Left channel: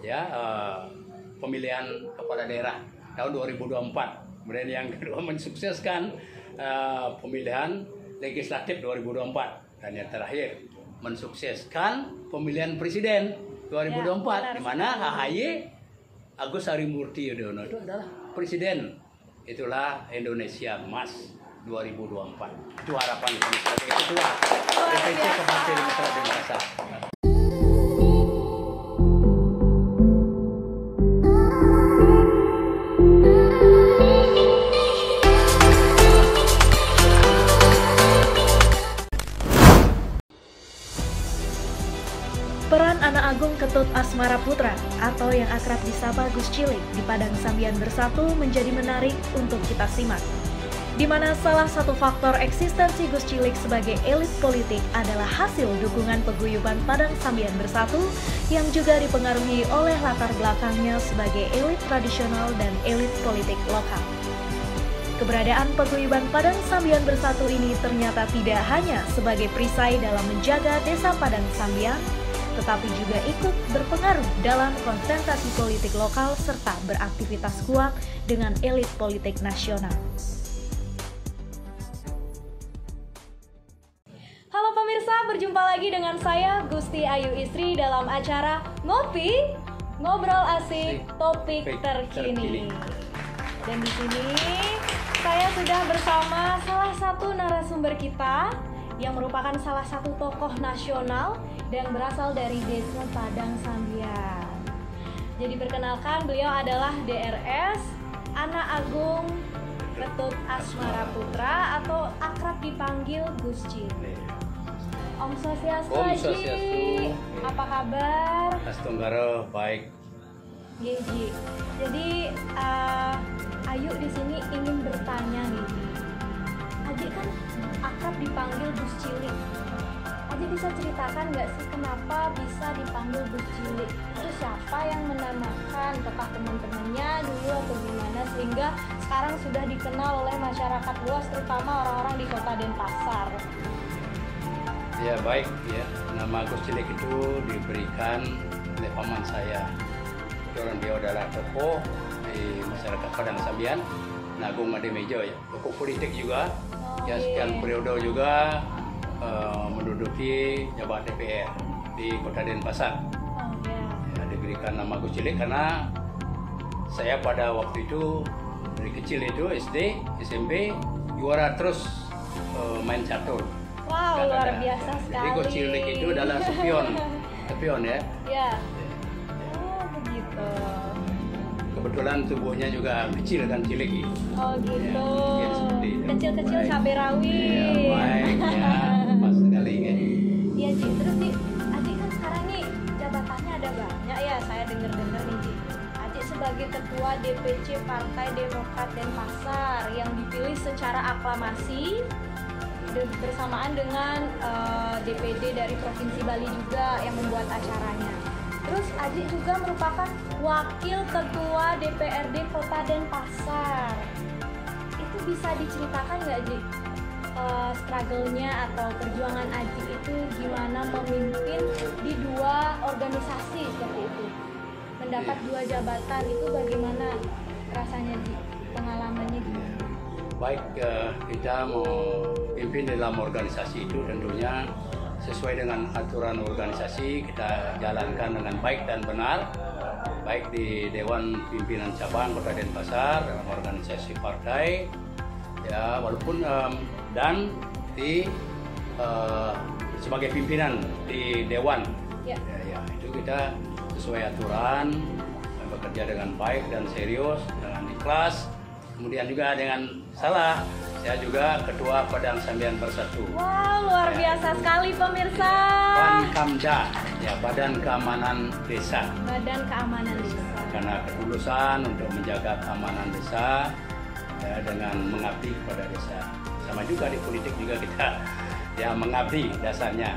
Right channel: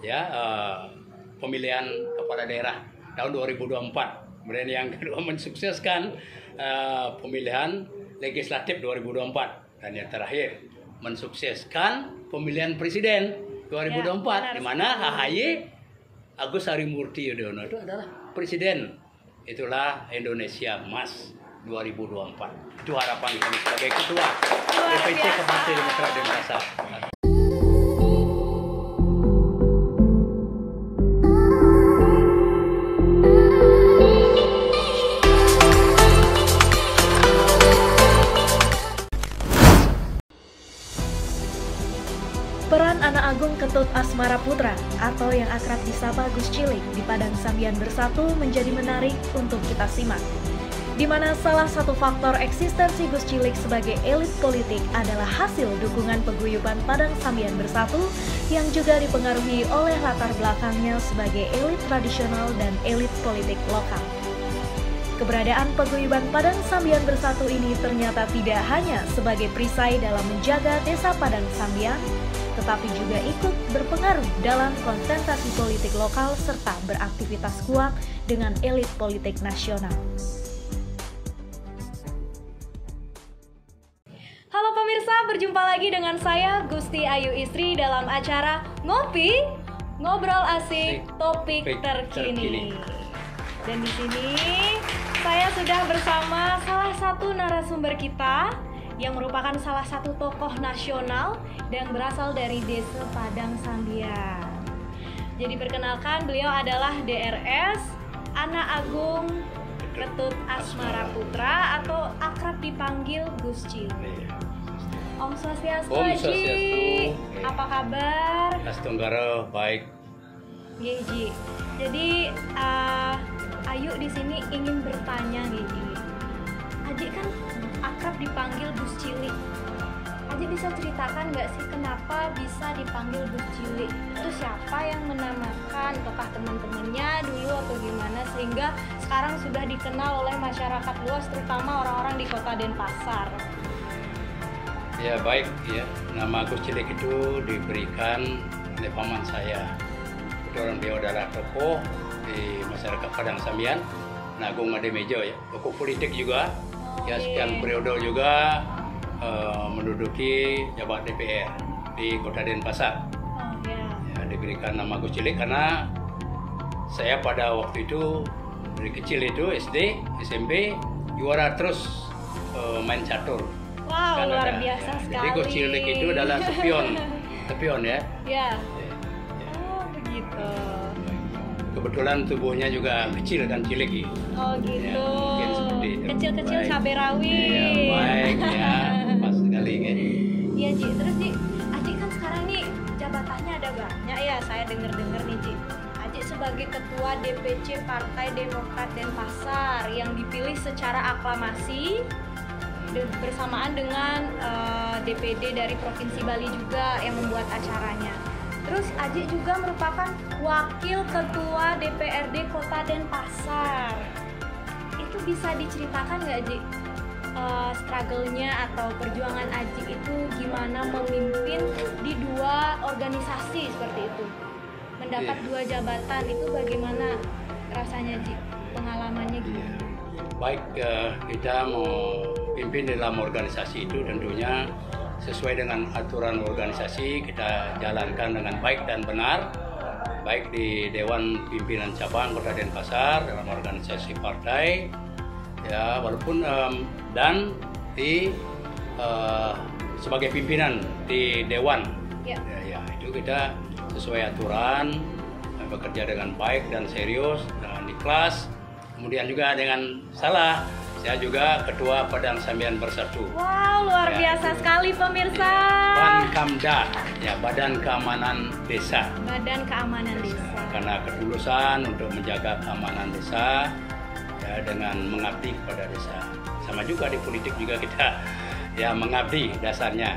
ya pemilihan kepala daerah tahun 2024. Kemudian yang kedua mensukseskan pemilihan legislatif 2024, dan yang terakhir mensukseskan pemilihan presiden 2024 di mana AHY Agus Harimurti Yudhoyono itu adalah presiden. Itulah Indonesia Emas 2024. Itu harapan kami sebagai ketua DPC Partai Demokrat Denpasar. Peran anak agung Ketut Asmara Putra atau yang akrab disapa Gus Cilik di Padang Sambian Bersatu menjadi menarik untuk kita simak. Di mana salah satu faktor eksistensi Gus Cilik sebagai elit politik adalah hasil dukungan paguyuban Padang Sambian Bersatu yang juga dipengaruhi oleh latar belakangnya sebagai elit tradisional dan elit politik lokal. Keberadaan paguyuban Padang Sambian Bersatu ini ternyata tidak hanya sebagai perisai dalam menjaga desa Padang Sambian, tetapi juga ikut berpengaruh dalam konsentrasi politik lokal serta beraktivitas kuat dengan elit politik nasional. Halo pemirsa, berjumpa lagi dengan saya Gusti Ayu Istri dalam acara Ngopi, Ngobrol Asik, Topik Terkini. Dan di sini saya sudah bersama salah satu narasumber kita yang merupakan salah satu tokoh nasional dan berasal dari Desa Padang Sambian. Jadi perkenalkan, beliau adalah DRS Anak Agung Ketut Asmara Putra atau akrab dipanggil Gus Cilik. Om Swastiastu, Ji. Apa kabar? Astenggara baik. Ji. Jadi Ayu di sini ingin bertanya nih, Ji. Aji kan akrab dipanggil Gus Cilik. Aji bisa ceritakan nggak sih kenapa bisa dipanggil Gus Cilik? Itu siapa yang menamakan? Apakah teman-temannya dulu atau gimana sehingga sekarang sudah dikenal oleh masyarakat luas, terutama orang-orang di Kota Denpasar? Ya baik ya, nama Gus Cilik itu diberikan oleh paman saya. Kebetulan dia adalah tokoh di masyarakat Padang Sambian, Agung Ademejo ya, tokoh politik juga. Ya sekian periode juga menduduki jabat DPR di Kota Denpasar. Ya, diberikan nama Gus Cilik karena saya pada waktu itu dari kecil itu SD, SMP juara terus main catur. Wow, luar biasa sekali. Jadi Gus Cilik itu adalah sepion ya. Ya. Oh begitu. Kebetulan tubuhnya juga kecil kan, cilik gitu. Oh gitu. Ya, mungkin seperti itu. Kecil-kecil cabai rawit. Iya, baik ya. Pas sekali kan. Iya, Ji. Terus Ji, Aji kan sekarang nih jabatannya ada banyak ya, saya dengar-dengar nih, Ji. Aji sebagai ketua DPC Partai Demokrat Denpasar yang dipilih secara aklamasi bersamaan dengan DPD dari Provinsi Bali juga yang membuat acaranya. Terus Aji juga merupakan wakil ketua DPRD Kota Denpasar. Itu bisa diceritakan nggak, Ji? Struggle-nya atau perjuangan Aji itu gimana memimpin di dua organisasi seperti itu? Mendapat dua jabatan itu bagaimana rasanya, Ji? Pengalamannya gimana? Baik, kita mau pimpin dalam organisasi itu tentunya sesuai dengan aturan organisasi, kita jalankan dengan baik dan benar, baik di Dewan Pimpinan Cabang Kota Denpasar dalam organisasi partai ya, walaupun dan di sebagai pimpinan di Dewan ya, itu kita sesuai aturan, bekerja dengan baik dan serius dan ikhlas. Kemudian juga dengan saya juga ketua Padang Sambian Bersatu. Wow, luar biasa sekali pemirsa. Bankamda, ya Badan Keamanan Desa. Badan Keamanan Desa. Karena ketulusan untuk menjaga keamanan desa ya, dengan mengabdi kepada desa. Sama juga di politik juga kita ya mengabdi dasarnya,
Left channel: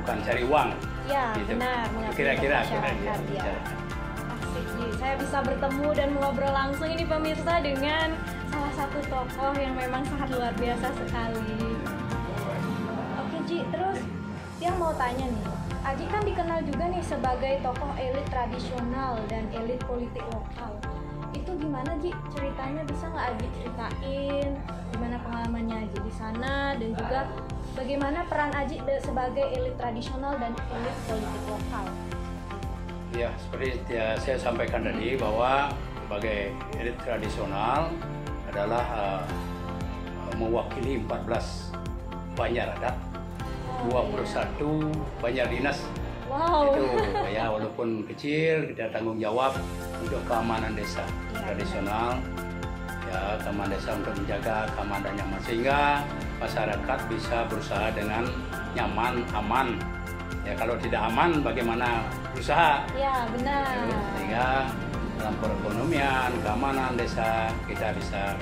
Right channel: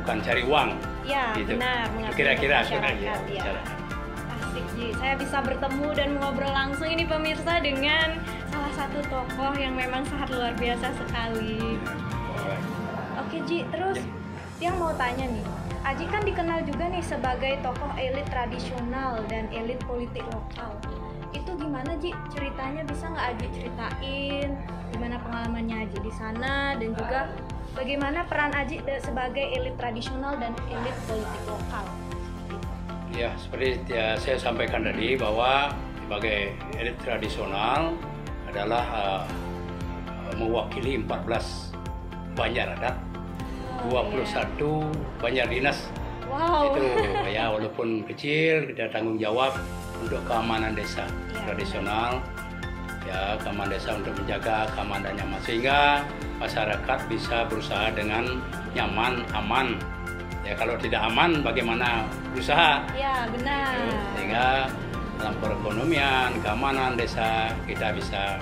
bukan cari uang. Ya, gitu. benar. Kira-kira ya. Saya bisa bertemu dan ngobrol langsung ini pemirsa dengan salah satu tokoh yang memang sangat luar biasa sekali. Oke Ji, terus yang mau tanya nih, Aji kan dikenal juga nih sebagai tokoh elit tradisional dan elit politik lokal. Itu gimana Ji ceritanya, bisa nggak Aji ceritain gimana pengalamannya Aji di sana dan juga bagaimana peran Aji sebagai elit tradisional dan elit politik lokal? Ya, seperti saya sampaikan tadi bahwa sebagai elit tradisional adalah mewakili 14 banjar adat, 21 banjar dinas. Wow. Itu ya, walaupun kecil kita tanggung jawab untuk keamanan desa tradisional. Ya, keamanan desa untuk menjaga keamanan nyaman sehingga masyarakat bisa berusaha dengan nyaman, aman. Ya, kalau tidak aman bagaimana berusaha? Ya, benar. Sehingga dalam perekonomian, keamanan desa kita bisa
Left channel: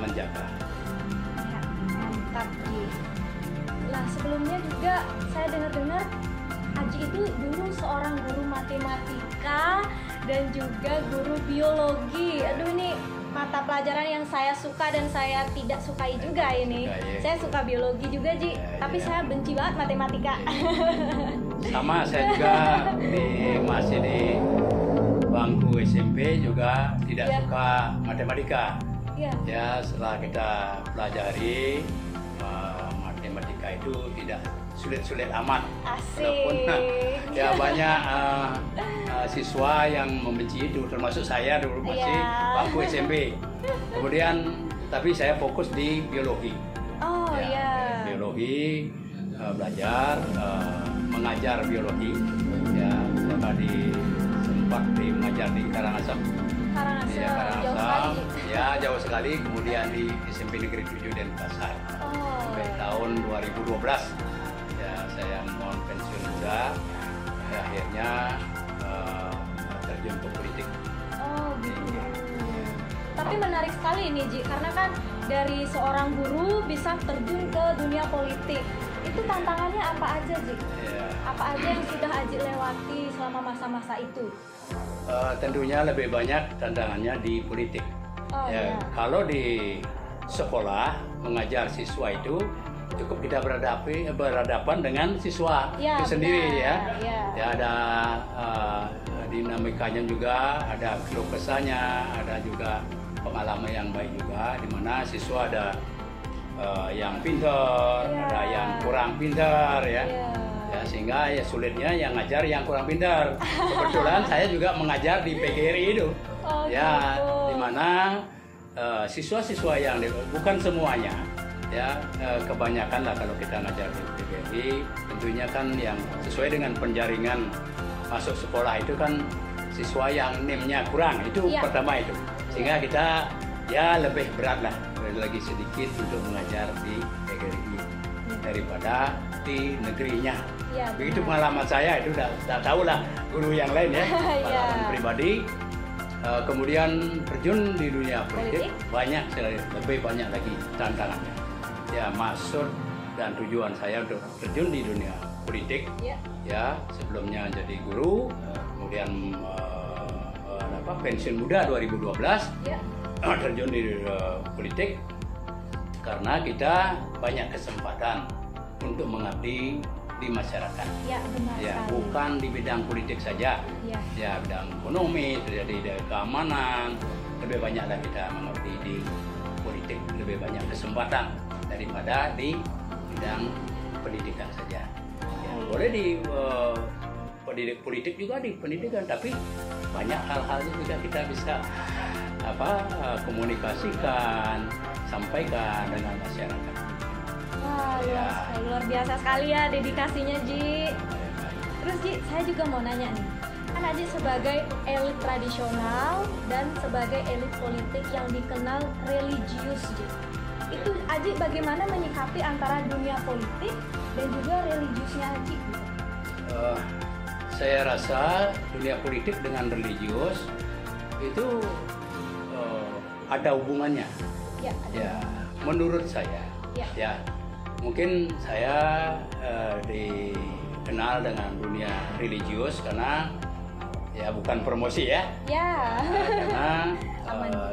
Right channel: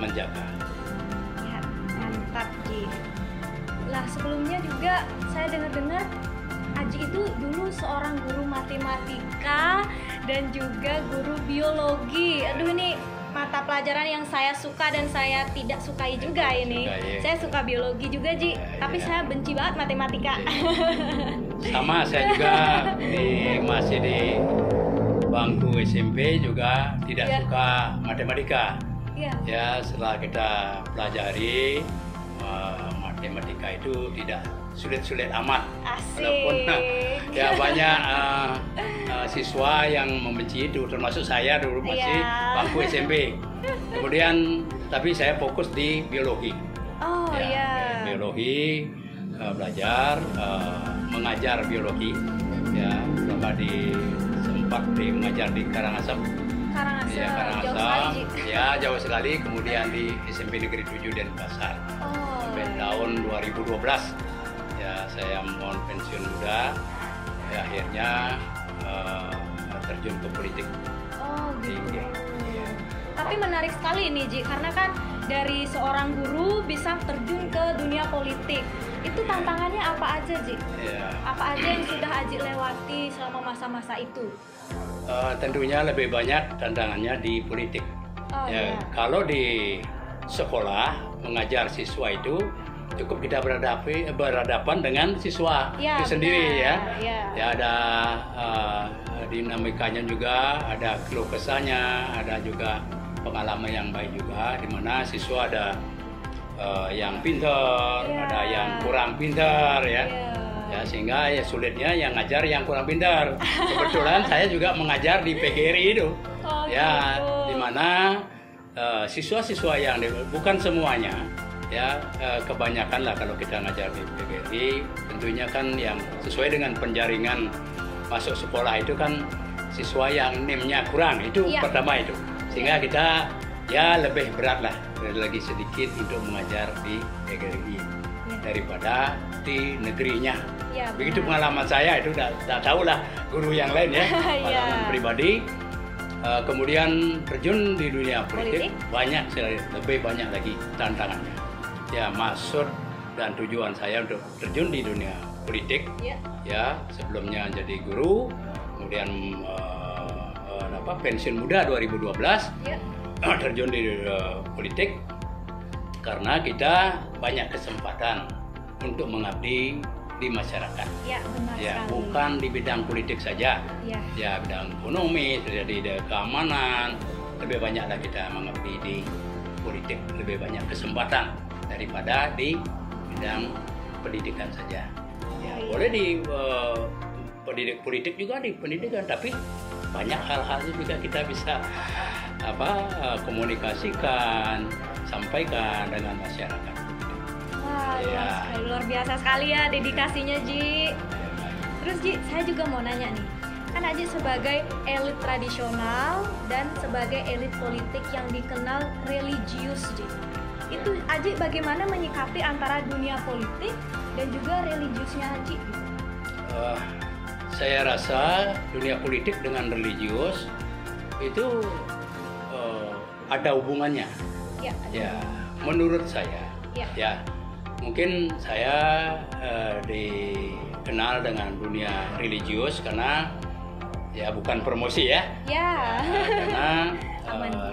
menjaga. Ya, mantap Ji. Lah sebelumnya juga saya dengar-dengar Aji itu dulu seorang guru matematika dan juga guru biologi. Aduh, ini mata pelajaran yang saya suka dan saya tidak sukai juga ini. Saya suka biologi juga Ji, tapi saya benci banget matematika. Sama, saya juga masih di bangku SMP juga tidak suka matematika. Ya, setelah kita pelajari matematika itu tidak sulit-sulit amat. Walaupun ya banyak siswa yang membenci itu, termasuk saya dulu masih bangku SMP. Kemudian tapi saya fokus di biologi. Biologi, belajar, mengajar biologi. Ya, sempat mengajar di Karangasem. Karangasem. Ya, jauh sekali. Kemudian di SMP Negeri 7 Denpasar. Sampai tahun 2012. Ya, saya mohon pensiun muda. Ya, akhirnya terjun ke politik. Gitu. Tapi menarik sekali ini Ji, karena kan dari seorang guru bisa terjun ke dunia politik. Itu tantangannya apa aja Ji? Apa aja yang sudah Aji lewati selama masa-masa itu? Tentunya lebih banyak tantangannya di politik. Kalau di sekolah mengajar siswa itu cukup kita berhadapan dengan siswa itu sendiri ya. Ya, ada dinamikanya juga, ada keluh kesahnya, ada juga pengalaman yang baik juga, di mana siswa ada yang pintar, ada yang kurang pintar ya. Ya, sehingga ya sulitnya yang ngajar yang kurang pintar. Kebetulan saya juga mengajar di PGRI itu. Ya, di mana siswa-siswa yang bukan semuanya ya, kebanyakan lah kalau kita ngajar di PGRI, tentunya kan yang sesuai dengan penjaringan masuk sekolah itu kan siswa yang NIM-nya kurang, itu pertama itu, sehingga kita ya lebih berat lah lagi sedikit untuk mengajar di PGRI daripada di negerinya. Begitu pengalaman saya, itu tidak tahu lah guru yang lain ya, pengalaman pribadi. Kemudian terjun di dunia politik lebih banyak lagi tantangannya. Ya, maksud dan tujuan saya untuk terjun di dunia politik ya, sebelumnya jadi guru, kemudian pensiun muda 2012 terjun di politik karena kita banyak kesempatan untuk mengabdi di masyarakat. Ya, bukan di bidang politik saja. Ya, bidang ekonomi, terjadi keamanan, lebih banyaklah kita mengabdi di politik, lebih banyak kesempatan daripada di bidang pendidikan saja. Ya, boleh di politik juga di pendidikan, tapi banyak hal-hal juga kita bisa komunikasikan, sampaikan dengan masyarakat. Luar biasa sekali ya dedikasinya Ji. Terus Ji, saya juga mau nanya nih, kan Aji sebagai elit tradisional dan sebagai elit politik yang dikenal religius Ji, itu Aji bagaimana menyikapi antara dunia politik dan juga religiusnya Aji? Saya rasa dunia politik dengan religius itu ada hubungannya. Ya, menurut saya. Ya, mungkin saya dikenal dengan dunia religius karena ya bukan promosi ya. Karena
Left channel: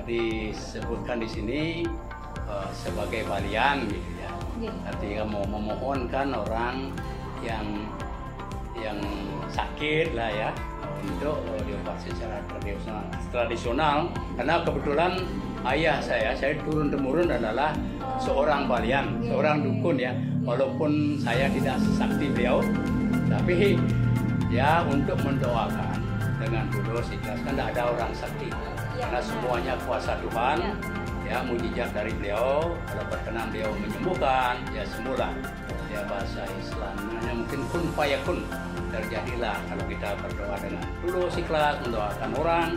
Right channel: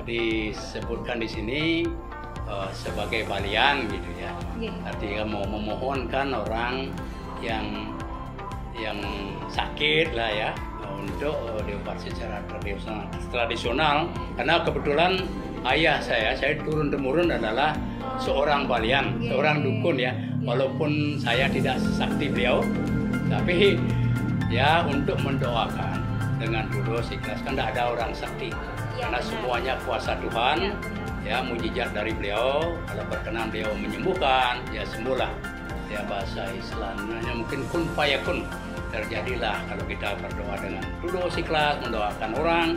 disebutkan di sini sebagai balian gitu ya. Artinya mau memohonkan orang yang yang sakit lah ya, untuk dioperasi secara tradisional. Karena kebetulan ayah saya turun temurun adalah seorang balian, seorang dukun ya. Walaupun saya tidak sesakti beliau, tapi ya untuk mendoakan dengan tulus ikhlas. Kan tidak ada orang sakti, karena semuanya kuasa Tuhan. Ya, mujizat dari beliau. Kalau berkenan beliau menyembuhkan, ya sembuhlah. Ya, bahasa Islamnya mungkin kun fayakun, terjadilah kalau kita berdoa dengan tulus ikhlas, mendoakan orang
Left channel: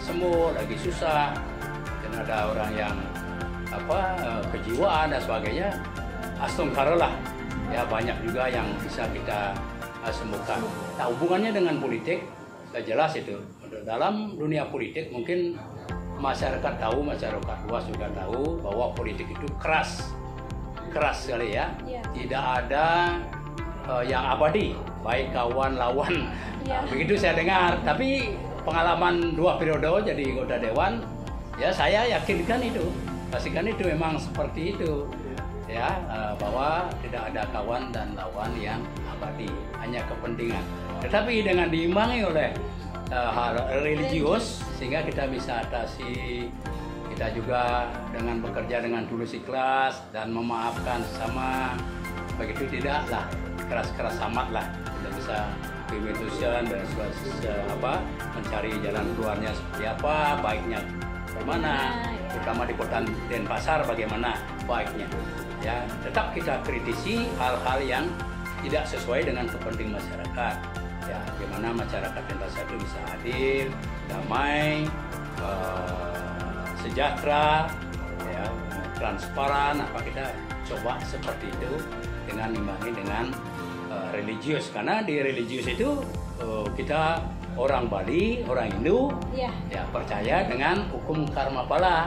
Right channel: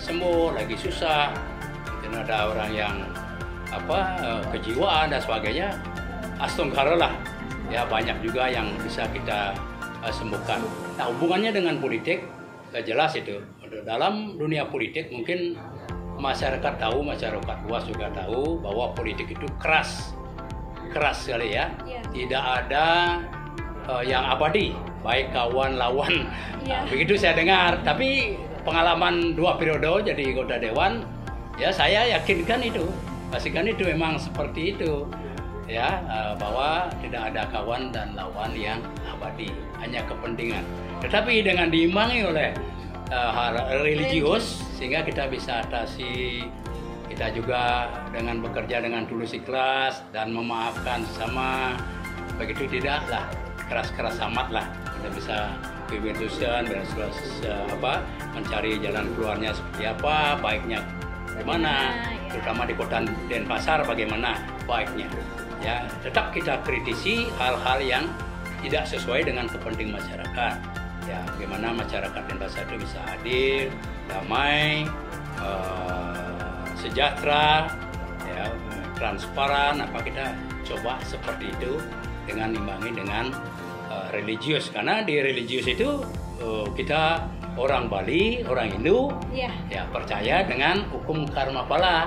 sembuh, lagi susah. Dan ada orang yang kejiwaan dan sebagainya, astagfirullah. Ya, banyak juga yang bisa kita sembuhkan. Nah, hubungannya dengan politik jelas itu. Dalam dunia politik mungkin masyarakat tahu, masyarakat luas juga tahu bahwa politik itu keras sekali ya. Tidak ada yang abadi, baik kawan lawan. Begitu saya dengar. Tapi pengalaman 2 periode jadi anggota dewan, ya saya yakinkan itu, pastikan itu memang seperti itu ya, bahwa tidak ada kawan dan lawan yang abadi, hanya kepentingan. Tetapi dengan diimbangi oleh hal religius, sehingga kita bisa atasi. Kita juga dengan bekerja dengan tulus ikhlas dan memaafkan sesama, begitu tidaklah keras-keras amat lah. Kita bisa kebetulan dan mencari jalan keluarnya seperti apa, baiknya bagaimana, terutama di kota Denpasar bagaimana baiknya. Ya, tetap kita kritisi hal-hal yang tidak sesuai dengan kepentingan masyarakat. Ya, bagaimana masyarakat Denpasar itu bisa adil, damai, sejahtera, ya, transparan. Apa kita coba seperti itu dengan imbangi dengan religius, karena di religius itu kita orang Bali, orang Hindu, ya percaya dengan hukum karma pala.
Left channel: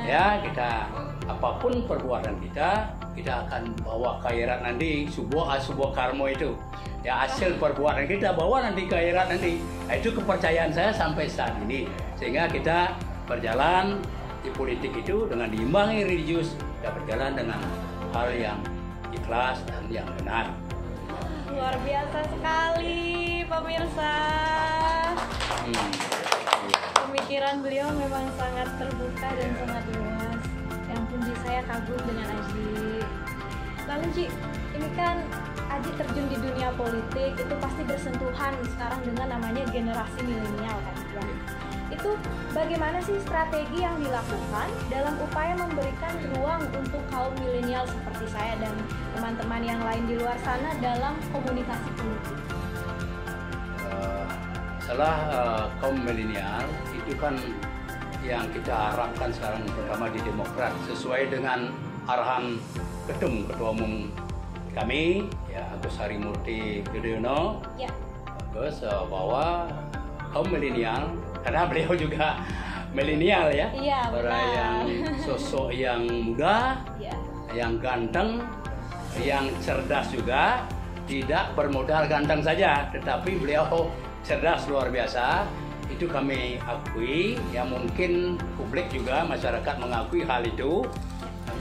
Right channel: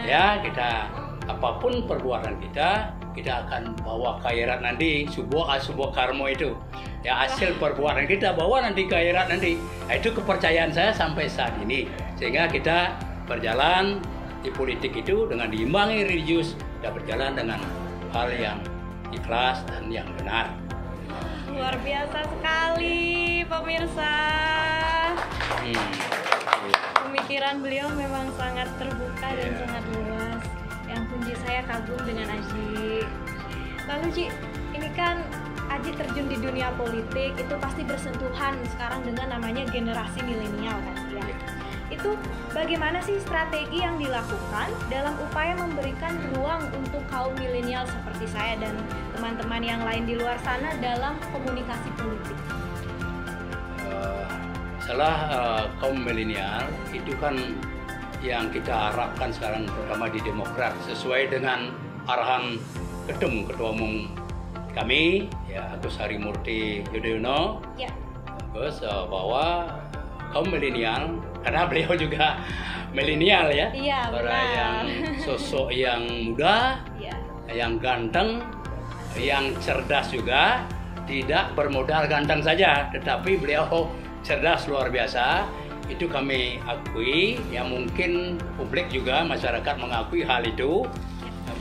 Ya, kita apapun perbuatan kita akan bawa akhirat nanti, sebuah karma itu. Ya, hasil perbuatan kita bawa nanti ke akhirat nanti. Nah, itu kepercayaan saya sampai saat ini. Sehingga kita berjalan di politik itu dengan diimbangi religius, kita berjalan dengan hal yang ikhlas dan yang benar. Luar biasa sekali pemirsa. Pemikiran beliau memang sangat terbuka dan sangat luas. Yang puji saya kagum dengan Aji. Lalu Ji, ini kan Aji terjun di dunia politik itu pasti bersentuhan sekarang dengan namanya generasi milenial kan ya. Itu bagaimana sih strategi yang dilakukan dalam upaya memberikan ruang untuk kaum milenial seperti saya dan teman-teman yang lain di luar sana dalam komunikasi politik? Kaum milenial itu kan yang kita harapkan sekarang, terutama di Demokrat, sesuai dengan arahan Ketua Umum kami, ya Agus Harimurti Yudhoyono, Agus, bahwa kaum milenial, karena beliau juga milenial ya, orang yang sosok yang muda, yang ganteng, yang cerdas juga, tidak bermodal ganteng saja, tetapi beliau cerdas luar biasa. Itu kami akui, ya mungkin publik juga, masyarakat mengakui hal itu,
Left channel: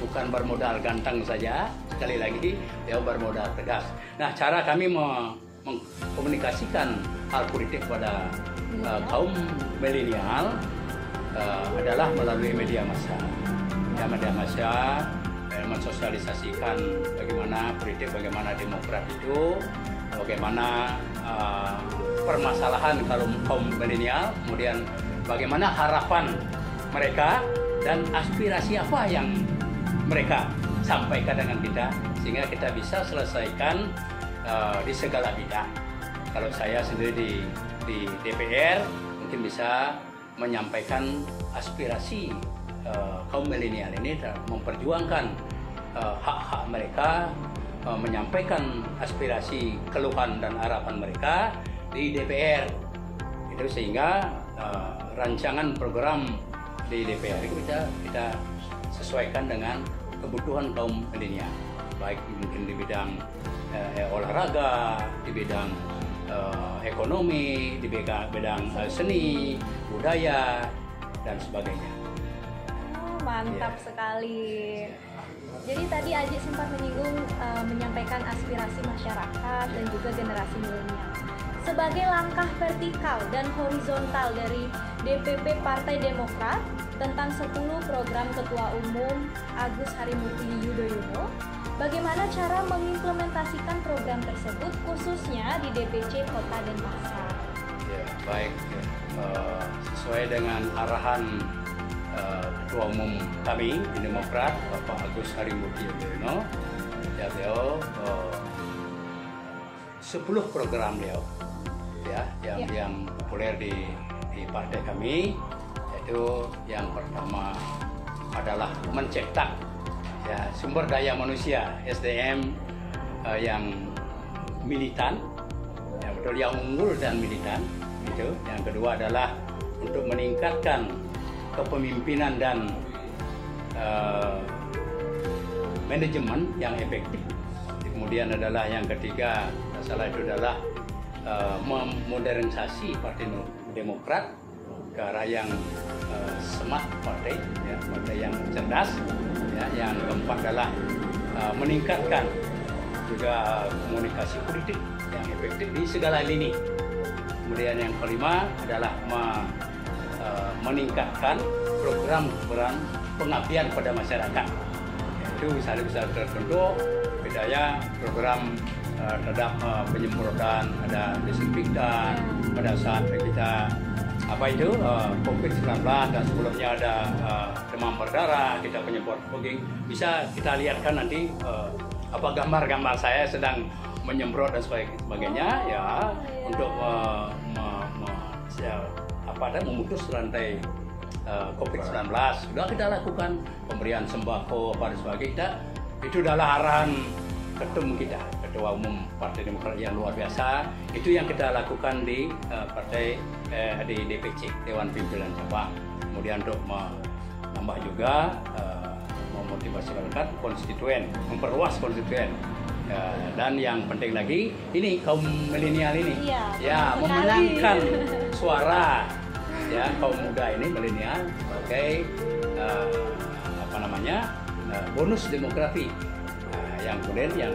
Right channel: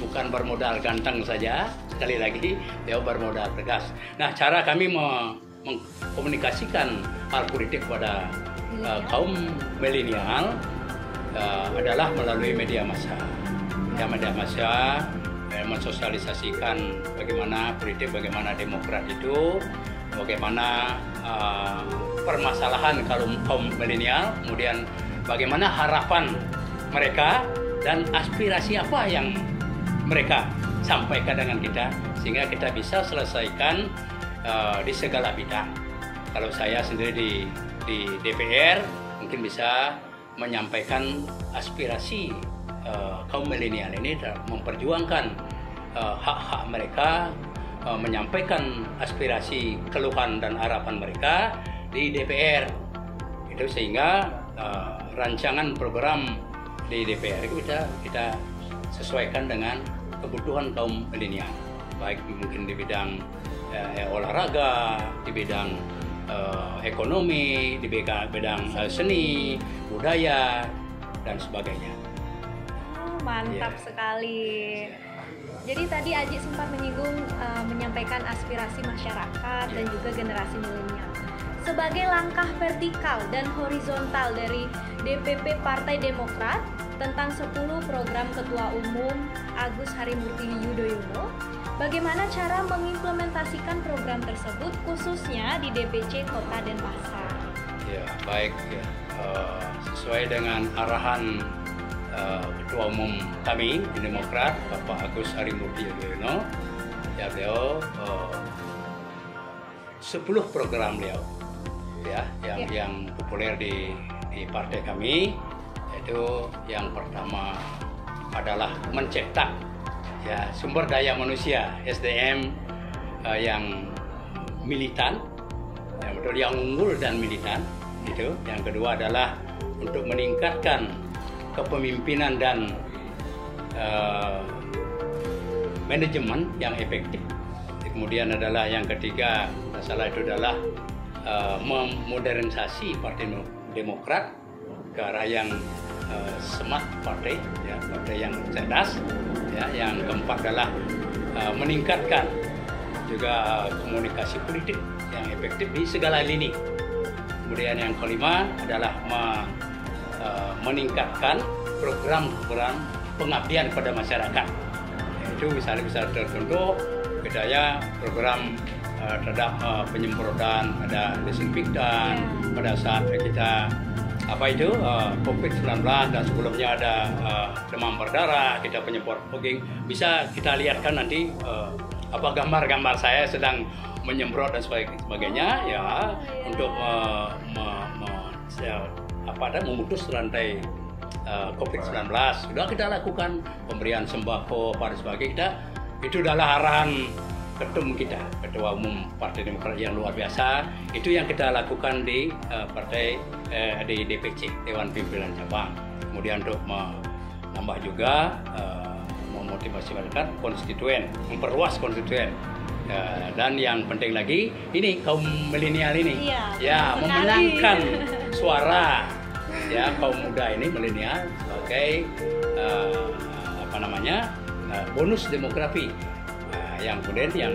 bukan bermodal ganteng saja, sekali lagi dia bermodal tegas. Nah, cara kami mengkomunikasikan hal politik pada kaum milenial adalah melalui media massa. Media massa mensosialisasikan bagaimana politik, bagaimana Demokrat itu, bagaimana permasalahan kaum milenial, kemudian bagaimana harapan mereka dan aspirasi apa yang mereka sampaikan dengan kita, sehingga kita bisa selesaikan di segala bidang. Kalau saya sendiri di DPR mungkin bisa menyampaikan aspirasi kaum milenial ini dan memperjuangkan hak-hak mereka, menyampaikan aspirasi, keluhan dan harapan mereka di DPR. Itu sehingga rancangan program di DPR itu kita sesuaikan dengan kebutuhan kaum milenial, baik mungkin di bidang olahraga, di bidang ekonomi, di bidang seni, budaya dan sebagainya. mantap sekali. Jadi tadi Aji sempat menyinggung menyampaikan aspirasi masyarakat dan juga generasi milenial. Sebagai langkah vertikal dan horizontal dari DPP Partai Demokrat tentang 10 program Ketua Umum Agus Harimurti Yudhoyono, bagaimana cara mengimplementasikan program tersebut khususnya di DPC Kota Denpasar? Ya, baik. Ya. Sesuai dengan arahan Ketua Umum kami di Demokrat, Bapak Agus Harimurti Yudhoyono, ya beliau 10 program beliau, ya, yang populer di partai kami, yaitu yang pertama adalah mencetak ya sumber daya manusia SDM yang militan, yang unggul dan militan. Itu. Yang kedua adalah untuk meningkatkan kepemimpinan dan manajemen yang efektif. Kemudian adalah yang ketiga, masalah itu adalah memodernisasi Partai Demokrat ke arah yang smart partai, ya, partai yang cerdas. Ya, yang keempat adalah meningkatkan juga komunikasi politik yang efektif di segala lini. Kemudian yang kelima adalah meningkatkan program-program pengabdian kepada masyarakat. Itu bisa tertentu, bedanya program terhadap penyemprotan, ada desinfektan pada saat kita COVID-19 dan sebelumnya ada demam berdarah, kita penyemprot fogging. Bisa kita lihatkan nanti gambar-gambar saya sedang menyemprot dan sebagainya, ya, untuk memutus rantai COVID-19. Sudah kita lakukan pemberian sembako pada sebagainya. Itu adalah arahan Ketua Umum Partai Demokrat yang luar biasa. Itu yang kita lakukan di di DPC, Dewan Pimpinan Cabang. Kemudian untuk menambah juga memotivasi masyarakat konstituen, memperluas konstituen. Dan yang penting lagi ini kaum milenial ini, memenangkan suara ya kaum muda ini milenial, bonus demografi. Yang kemudian yang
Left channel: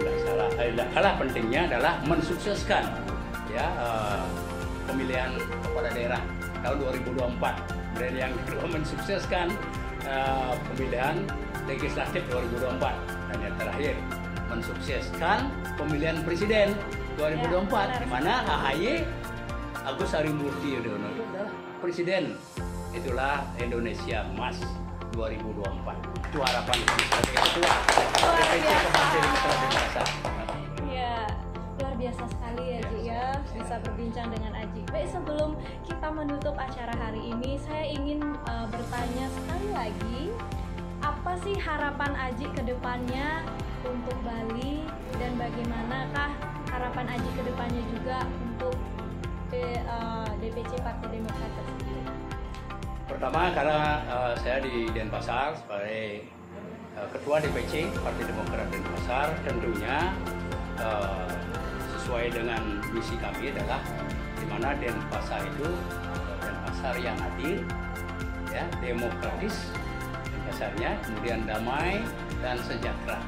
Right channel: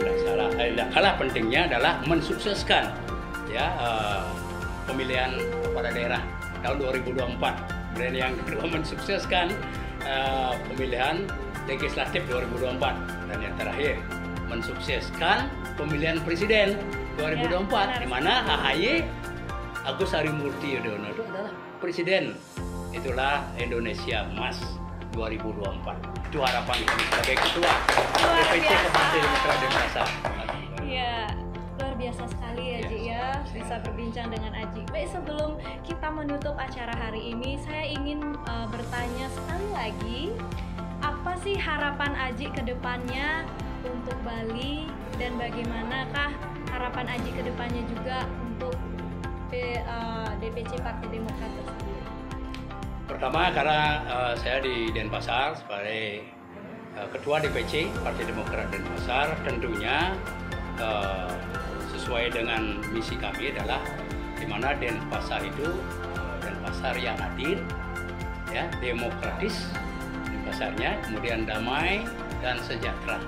tidak kalah pentingnya adalah mensukseskan pemilihan kepala daerah tahun 2024. Kemudian yang kedua mensukseskan pemilihan legislatif 2024, dan yang terakhir mensukseskan pemilihan presiden 2024, di mana AHY Agus Harimurti Yudhoyono itu adalah presiden. Itulah Indonesia Emas 2024. Itu harapan kami sebagai ketua DPC Partai Demokrat Denpasar. Iya, luar biasa sekali ya, Ji, ya, bisa berbincang dengan Aji. Baik, sebelum kita menutup acara hari ini, saya ingin bertanya sekali lagi, apa sih harapan Aji ke depannya untuk Bali, dan bagaimanakah harapan Aji ke depannya juga untuk DPC Partai Demokrat tersebut? Pertama, karena saya di Denpasar sebagai Ketua DPC Partai Demokrat Denpasar, tentunya sesuai dengan misi kami adalah di mana Denpasar itu Denpasar yang adil, ya, demokratis Denpasarnya, kemudian damai dan sejahtera.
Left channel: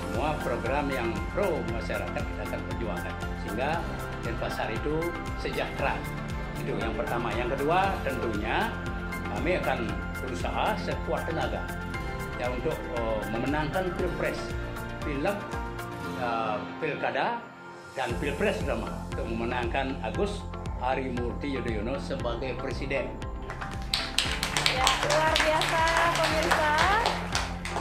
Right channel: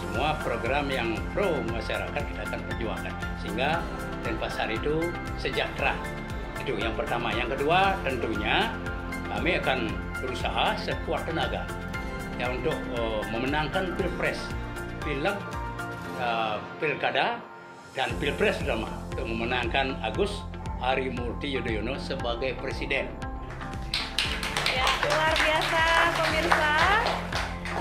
Semua program yang pro masyarakat kita akan perjuangkan sehingga Denpasar itu sejahtera. Itu yang pertama. Yang kedua, tentunya kami akan berusaha sekuat tenaga ya untuk memenangkan pilpres, pilkada dan pilpres terutama, untuk memenangkan Agus Harimurti Yudhoyono sebagai presiden. Ya, luar biasa pemirsa.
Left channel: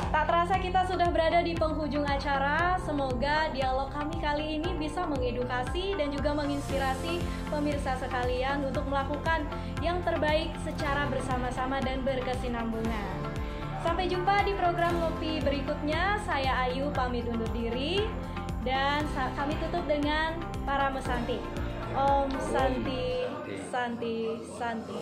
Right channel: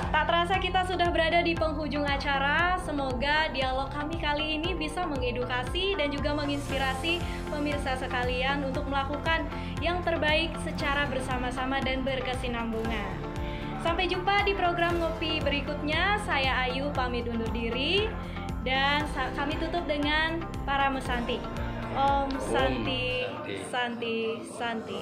Tak terasa kita sudah berada di penghujung acara. Semoga dialog kami kali ini bisa mengedukasi dan juga menginspirasi pemirsa sekalian untuk melakukan yang terbaik secara bersama-sama dan berkesinambungan. Sampai jumpa di program Ngopi berikutnya. Saya Ayu pamit undur diri dan kami tutup dengan para mesanti. Om Santi Santi Santi.